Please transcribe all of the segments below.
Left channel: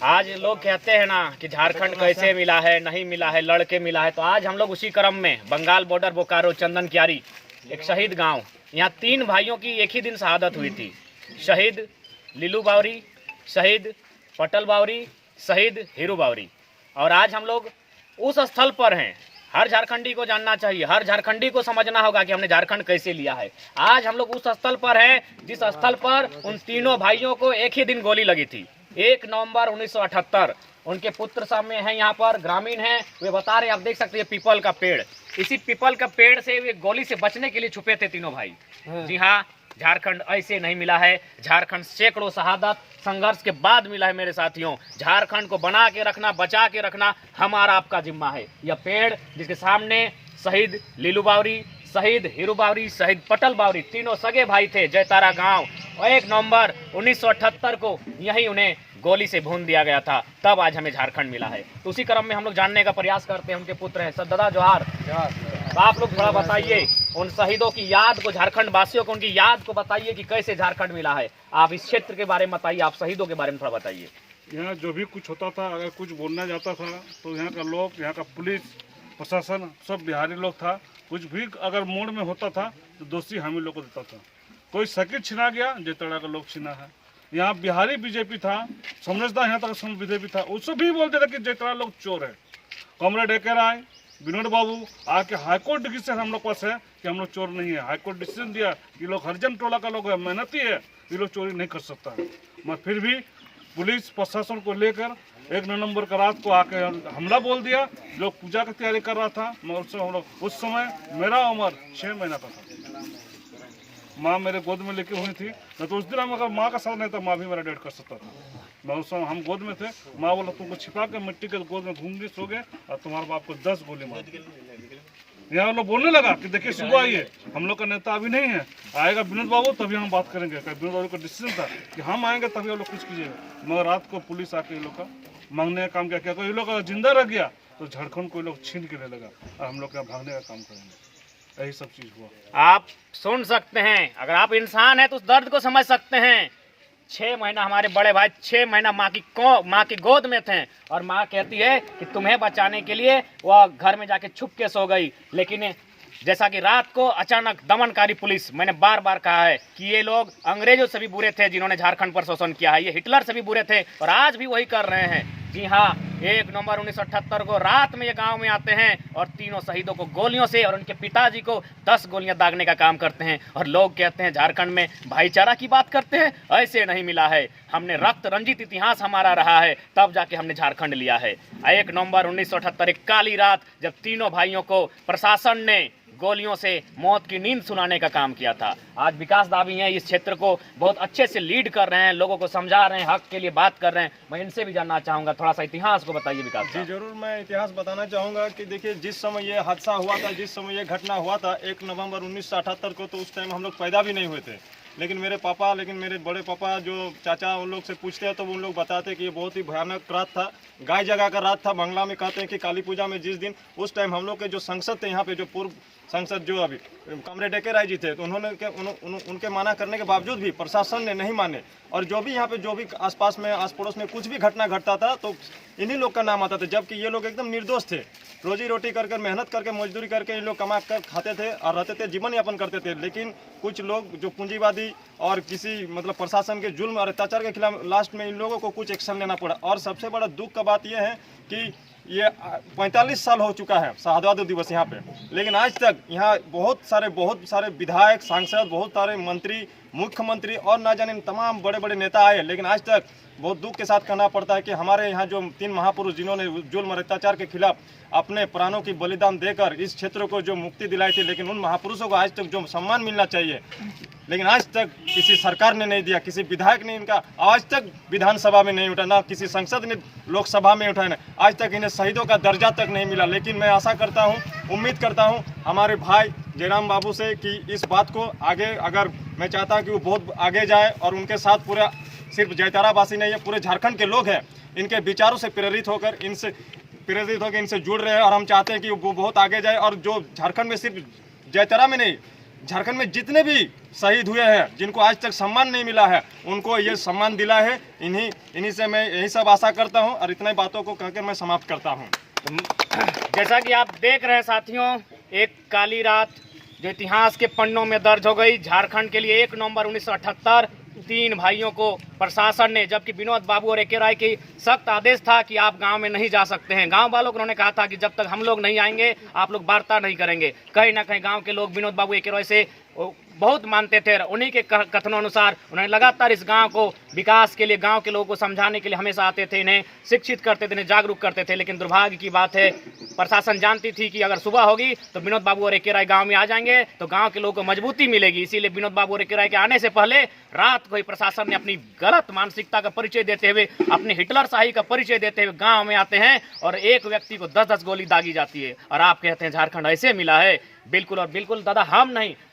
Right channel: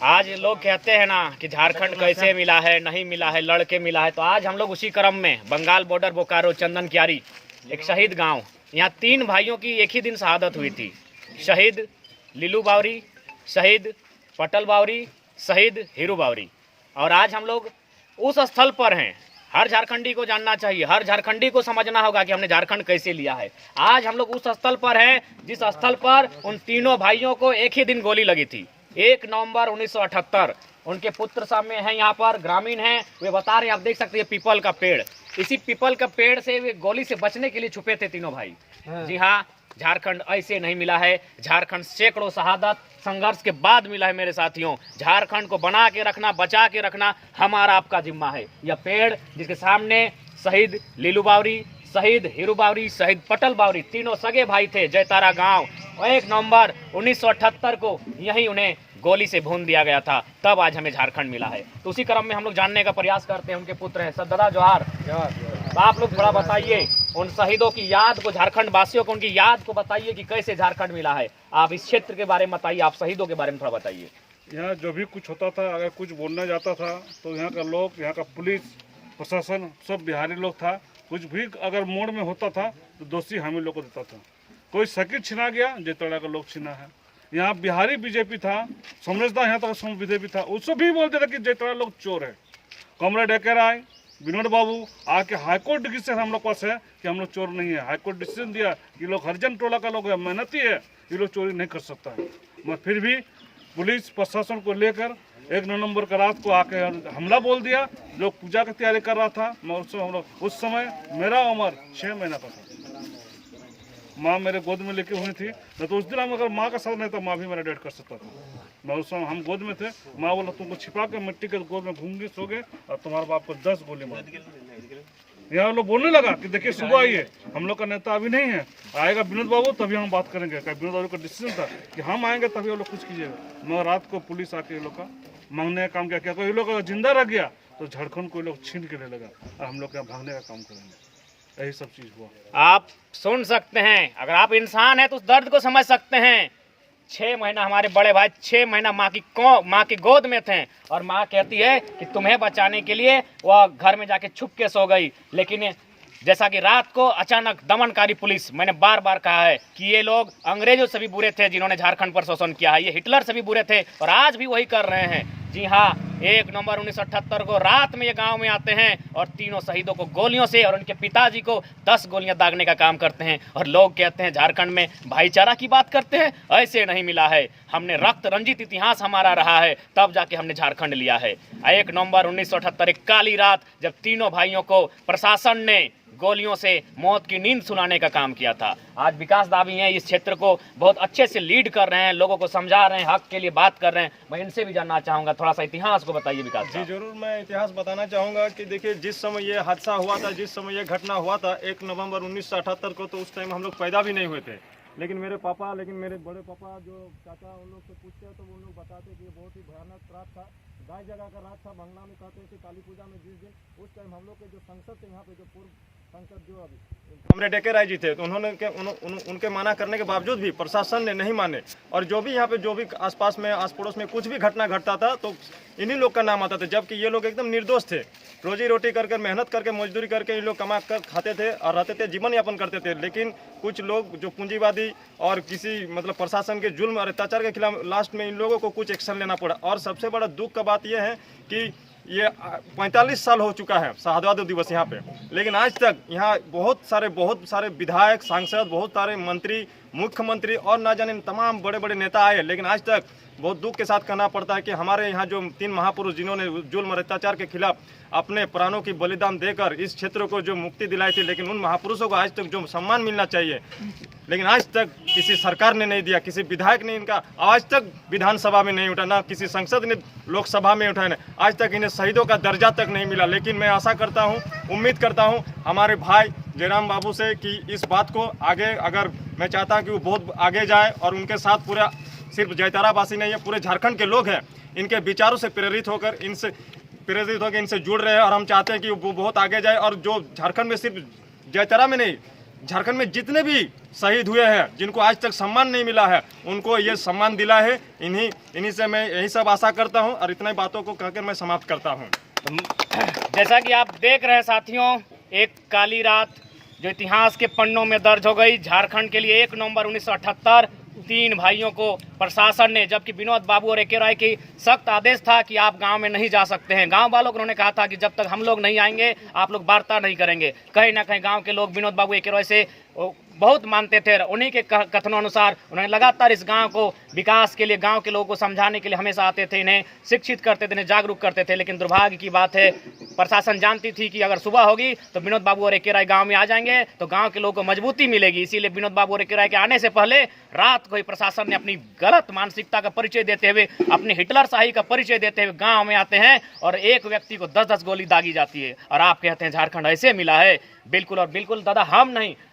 आज लोग कहते हैं ना कि झारखंड कैसे मिला है, नहीं मिला है, लड़के मिला है। तो आज हम लोग उसी क्रम में बंगाल बॉर्डर बोकारो चंदन क्यारी एक शहीद गांव, यहाँ 3 भाइयों की एक ही दिन शहादत हुई थी। शहीद लीलू बावरी, शहीद पटल बावरी, शहीद हीरू बावरी। और आज हम लोग उस स्थल पर हैं। हर झारखंडी को जानना चाहिए, हर झारखंडी को समझना होगा कि हमने झारखंड कैसे लिया है। आज हम लोग उस स्थल पर हैं जिस स्थल पर उन तीनों भाइयों को एक ही दिन गोली लगी थी, 1 नवंबर 1978। उनके पुत्र सामने हैं, यहाँ पर ग्रामीण हैं, वे बता रहे हैं, आप देख सकते हैं पीपल का पेड़, इसी पीपल का पेड़ से वे गोली से बचने के लिए छुपे थे तीनों भाई। जी हाँ, झारखंड ऐसे नहीं मिला है। झारखंड सैकड़ों शहादत संघर्ष के बाद मिला है मेरे साथियों। झारखंड को बना के रखना, बचा के रखना हमारा आपका जिम्मा है। यह पेड़ जिसके सामने शहीद लीलू बावरी, शहीद हीरू बावरी, शहीद पटल बावरी तीनों सगे भाई थे। जयतारा गांव 1 नवंबर 1978 को यही उन्हें गोली से भून दिया गया था, तब आज हमें झारखंड मिला है। तो उसी क्रम में हम लोग जानने का प्रयास करते हैं। उनके पुत्र हैं सर जोहार। तो आप लोग थोड़ा बताइए उन शहीदों की याद को, झारखंड वासियों को उनकी याद को बताइए कि कैसे झारखंड मिला है। आप इस क्षेत्र के बारे में बताइए, आप शहीदों के बारे में थोड़ा बताइए। यहाँ जो भी कुछ होता था, अगर कुछ बोलना जाता था तो यहाँ का लोग, यहाँ का पुलिस प्रशासन सब बिहारी लोग था। कुछ भी अगर मोड़ में होता था तो दोषी हम ही लोग को देता था। कोई सर्किट छिना गया, जयतड़ा का लोग छिना है। यहाँ बिहारी बीजेपी था, समझदार यहाँ तक बीजेपी था, उससे भी बोलते थे कि जयतड़ा लोग चोर है। कॉमरेड एके राय, विनोद बाबू आके हाईकोर्ट डिसीजन हम लोग पास है कि हम लोग चोर नहीं है। हाईकोर्ट डिसीजन दिया, ये लोग हरिजन टोला का लोग है, मेहनती है, ये लोग चोरी नहीं कर सकता है। मगर फिर भी पुलिस प्रशासन को लेकर 1 नवंबर का रात को आके हमला बोल दिया। लोग पूजा की तैयारी कर रहा था, मगर हम लोग उस समय मेरा उम्र 6 महीना का था। माँ मेरे गोद में लेके हुई थी, न तो उस दिन हम अगर माँ का साथ नहीं था, माँ भी मेरा डेट कर सकता था। मैं उस समय हम गोद में थे, माँ बोला तुमको छिपा के मिट्टी के गोद में घूम गए, सो गए और तुम्हारे बाप को 10 गोली मार दी। यहाँ लोग बोलने लगा कि देखिए सुबह आइए, हम लोग का नेता अभी नहीं है, आएगा विनोद बाबू तभी हम बात करेंगे। विनोद बाबू का डिसीजन था कि हम आएंगे तभी लोग कुछ कीजिएगा। मगर रात को पुलिस आके ये लोग का मांगने का काम किया। ये लोग अगर जिंदा रह गया तो झारखंड को लोग छीन के ले लगा और हम लोग यहाँ भागने का काम करेंगे। यही सब चीज हुआ। आप सुन सकते हैं, अगर आप इंसान हैं तो उस दर्द को समझ सकते हैं। 6 महीना हमारे बड़े भाई 6 महीना माँ की गोद में थे और माँ कहती है कि तुम्हें बचाने के लिए वह घर में जाके छुप के सो गई। लेकिन जैसा कि रात को अचानक दमनकारी पुलिस, मैंने बार बार कहा है कि ये लोग अंग्रेजों से भी बुरे थे जिन्होंने झारखंड पर शोषण किया है, ये हिटलर से भी बुरे थे और आज भी वही कर रहे हैं। जी हाँ, 1 नवंबर 1978 को रात में ये गांव में आते हैं और तीनों शहीदों को गोलियों से और उनके पिताजी को 10 गोलियां दागने का काम करते हैं। और लोग कहते हैं झारखंड में भाईचारा की बात करते हैं, ऐसे नहीं मिला है। हमने रक्त रंजित इतिहास हमारा रहा है, तब जाके हमने झारखंड लिया है। 1 नवंबर 1978 एक काली रात जब तीनों भाइयों को प्रशासन ने गोलियों से मौत की नींद सुलाने का काम किया था। आज विकास दावी हैं, इस क्षेत्र को बहुत अच्छे से लीड कर रहे हैं, लोगों को समझा रहे हैं, हक के लिए बात कर रहे हैं। मैं इनसे भी जानना चाहूंगा, थोड़ा सा इतिहास को बताइए विकास। जी जरूर, मैं इतिहास बताना चाहूँगा कि देखिए जिस समय ये हादसा हुआ था, जिस समय ये घटना हुआ था 1 नवंबर 1978 को, तो उस टाइम हम लोग पैदा भी नहीं हुए थे। लेकिन मेरे बड़े पापा जो चाचा उन लोग से पूछते हैं तो उन लोग बताते हैं कि ये बहुत ही भयानक रात था, गाय जगा का रात था। बंगला में कहते हैं कि काली पूजा में जिस दिन, उस टाइम हम लोग के जो सांसद थे यहाँ पे, जो पूर्व सांसद जो अभी कॉमरेड एके राय जी थे, तो उनके माना करने के बावजूद भी प्रशासन ने नहीं माने। और जो भी यहाँ पे जो भी आसपास में, आस पड़ोस में कुछ भी घटना घटता था तो इन्हीं लोग का नाम आता था, जबकि ये लोग एकदम निर्दोष थे। रोजी रोटी करके, मेहनत करके, मजदूरी करके ये लोग कमा कर खाते थे और रहते थे, जीवन यापन करते थे। लेकिन कुछ लोग जो पूंजीवादी और किसी मतलब प्रशासन के जुल्म और अत्याचार के खिलाफ लास्ट में इन लोगों को कुछ एक्शन लेना पड़ा। और सबसे बड़ा दुख का बात यह है कि ये 45 साल हो चुका है शहादत दिवस यहाँ पे, लेकिन आज तक यहाँ बहुत सारे विधायक, सांसद, बहुत सारे मंत्री, मुख्यमंत्री और ना जाने तमाम बड़े बड़े नेता आए, लेकिन आज तक बहुत दुख के साथ कहना पड़ता है कि हमारे यहाँ जो 3 महापुरुष जिन्होंने जुल्म और अत्याचार के खिलाफ अपने प्राणों की बलिदान देकर इस क्षेत्र को जो मुक्ति दिलाई थी, लेकिन उन महापुरुषों को आज तक जो सम्मान मिलना चाहिए, लेकिन आज तक किसी सरकार ने नहीं दिया, किसी विधायक ने इनका आवाज तक विधानसभा में नहीं उठा, ना किसी संसद ने लोकसभा में उठाया, आज तक इन्हें शहीदों का दर्जा तक नहीं मिला। लेकिन मैं आशा करता हूँ, उम्मीद करता हूँ हमारे भाई जयराम बाबू से कि इस बात को आगे, अगर मैं चाहता हूँ कि वो बहुत आगे जाए और उनके साथ पूरा सिर्फ जयतारा वासी नहीं है, पूरे झारखंड के लोग हैं, इनके विचारों से प्रेरित होकर इनसे जुड़ रहे हैं। और हम चाहते हैं कि वो बहुत आगे जाए और जो झारखंड में सिर्फ जयतारा में नहीं, झारखंड में जितने भी शहीद हुए हैं, जिनको आज तक सम्मान नहीं मिला है, उनको ये सम्मान दिला है। इन्हीं से मैं यही सब आशा करता हूँ और इतनी बातों को कहकर मैं समाप्त करता हूँ। जैसा कि आप देख रहे हैं साथियों, एक काली रात जो इतिहास के पन्नों में दर्ज हो गई। झारखंड के लिए 1 नवंबर 1978 3 भाइयों को प्रशासन ने, जबकि विनोद बाबू और एके राय की सख्त आदेश था कि आप गांव में नहीं जा सकते हैं। गांव वालों को उन्होंने कहा था कि जब तक हम लोग नहीं आएंगे आप लोग वार्ता नहीं करेंगे। कहीं ना कहीं गांव के लोग विनोद बाबू एके राय से बहुत मानते थे। उन्हीं के कथनों अनुसार उन्होंने लगातार इस गांव को विकास के लिए, गांव के लोगों को समझाने के लिए हमेशा आते थे, इन्हें शिक्षित करते थे, इन्हें जागरूक करते थे। लेकिन दुर्भाग्य की बात है, प्रशासन जानती थी कि अगर सुबह होगी तो विनोद बाबू और एके राय गांव में आ जाएंगे तो गांव के लोगों को मजबूती मिलेगी। इसीलिए विनोद बाबू और एके राय के आने से पहले रात को ही प्रशासन ने अपनी गलत मानसिकता का परिचय देते हुए, अपनी हिटलर शाही का परिचय देते हुए गांव में आते हैं और एक व्यक्ति को 10-10 गोली दागी जाती है। और आप कहते हैं झारखंड ऐसे मिला है। बिल्कुल और बिल्कुल दादा,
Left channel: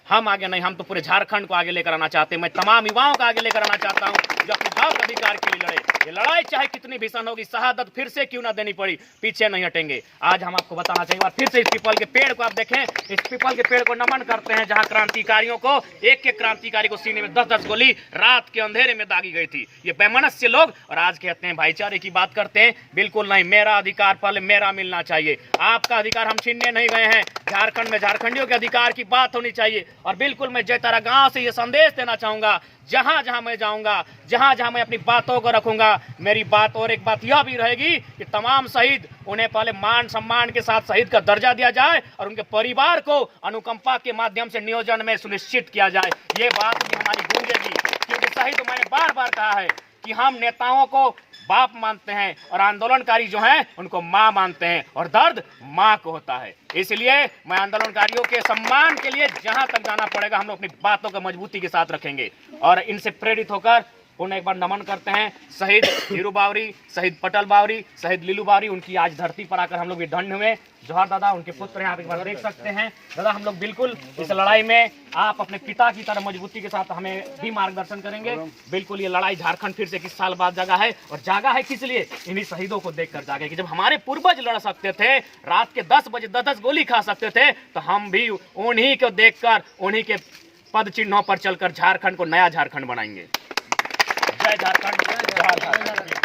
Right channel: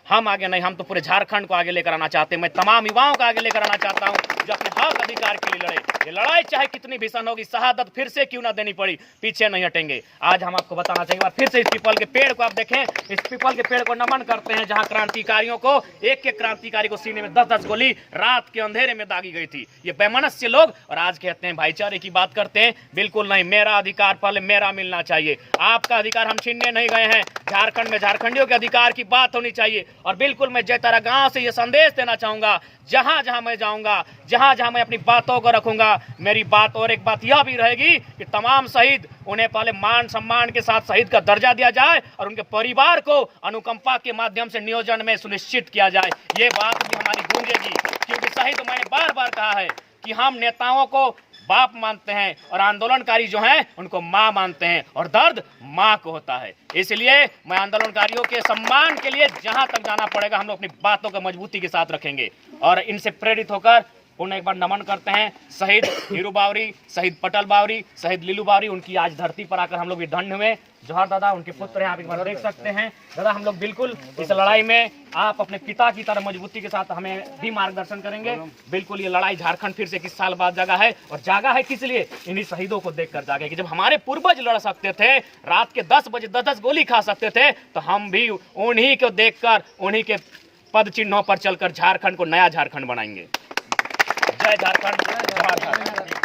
हम आगे नहीं, हम तो पूरे झारखंड को आगे लेकर आना चाहते हैं। मैं तमाम युवाओं को आगे लेकर आना चाहता हूं जो अपने हक अधिकार के लिए लड़े। ये लड़ाई चाहे कितनी भीषण होगी, शहादत फिर से क्यों ना देनी पड़ी, पीछे नहीं हटेंगे। आज हम आपको बताना चाहिए, फिर से इस पीपल के पेड़ को आप देखें, इस पीपल के पेड़ को नमन करते हैं जहां क्रांतिकारियों को, एक क्रांतिकारी को सीने में 10-10 गोली रात के अंधेरे में दागी गई थी। ये बेमनस्य लोग, और आज कहते हैं भाईचारे की बात करते हैं। बिल्कुल नहीं, मेरा अधिकार पहले मेरा मिलना चाहिए। आपका अधिकार हम छीनने नहीं गए हैं। झारखंड में झारखंडियों के अधिकार की बात होनी चाहिए। और बिल्कुल मैं जयतारा गांव से ये संदेश देना चाहूंगा, जहां जहां मैं जाऊंगा, जहां जहां मैं अपनी बातों को रखूंगा, मेरी बात और एक बात यह भी रहेगी कि तमाम शहीद, उन्हें पहले मान सम्मान के साथ शहीद का दर्जा दिया जाए और उनके परिवार को अनुकंपा के माध्यम से नियोजन में सुनिश्चित किया जाए। ये बात भी हमारी गूंजेगी, क्योंकि शहीद, मैंने बार बार कहा है कि हम नेताओं को बाप मानते हैं और आंदोलनकारी जो हैं उनको माँ मानते हैं, और दर्द माँ को होता है। इसलिए मैं आंदोलनकारियों के सम्मान के लिए जहां तक जाना पड़ेगा हम लोग अपनी बातों को मजबूती के साथ रखेंगे। और इनसे प्रेरित होकर पुनः एक बार नमन करते हैं शहीद हीरू बावरी, शहीद पटल बावरी, शहीद लीलू बावरी। उनकी आज धरती पर आकर हम लोग भी धन्य हुए। जोहार दादा, उनके पुत्र हैं, आप एक बार देख सकते हैं। दादा, हम लोग बिल्कुल इस लड़ाई में आप अपने पिता की तरह मजबूती के साथ हमें भी मार्गदर्शन करेंगे। बिल्कुल ये लड़ाई झारखंड फिर से किस साल बाद जागा है, और जागा है किस लिए, इन्हीं शहीदों को देखकर जागे कि जब हमारे पूर्वज लड़ सकते थे, रात के 10 बजे 10-10 गोली खा सकते थे, तो हम भी उन्हीं को देखकर, उन्हीं के पद चिन्हों पर चलकर झारखंड को नया झारखंड बनाएंगे। जय झारखंड, जय भारत।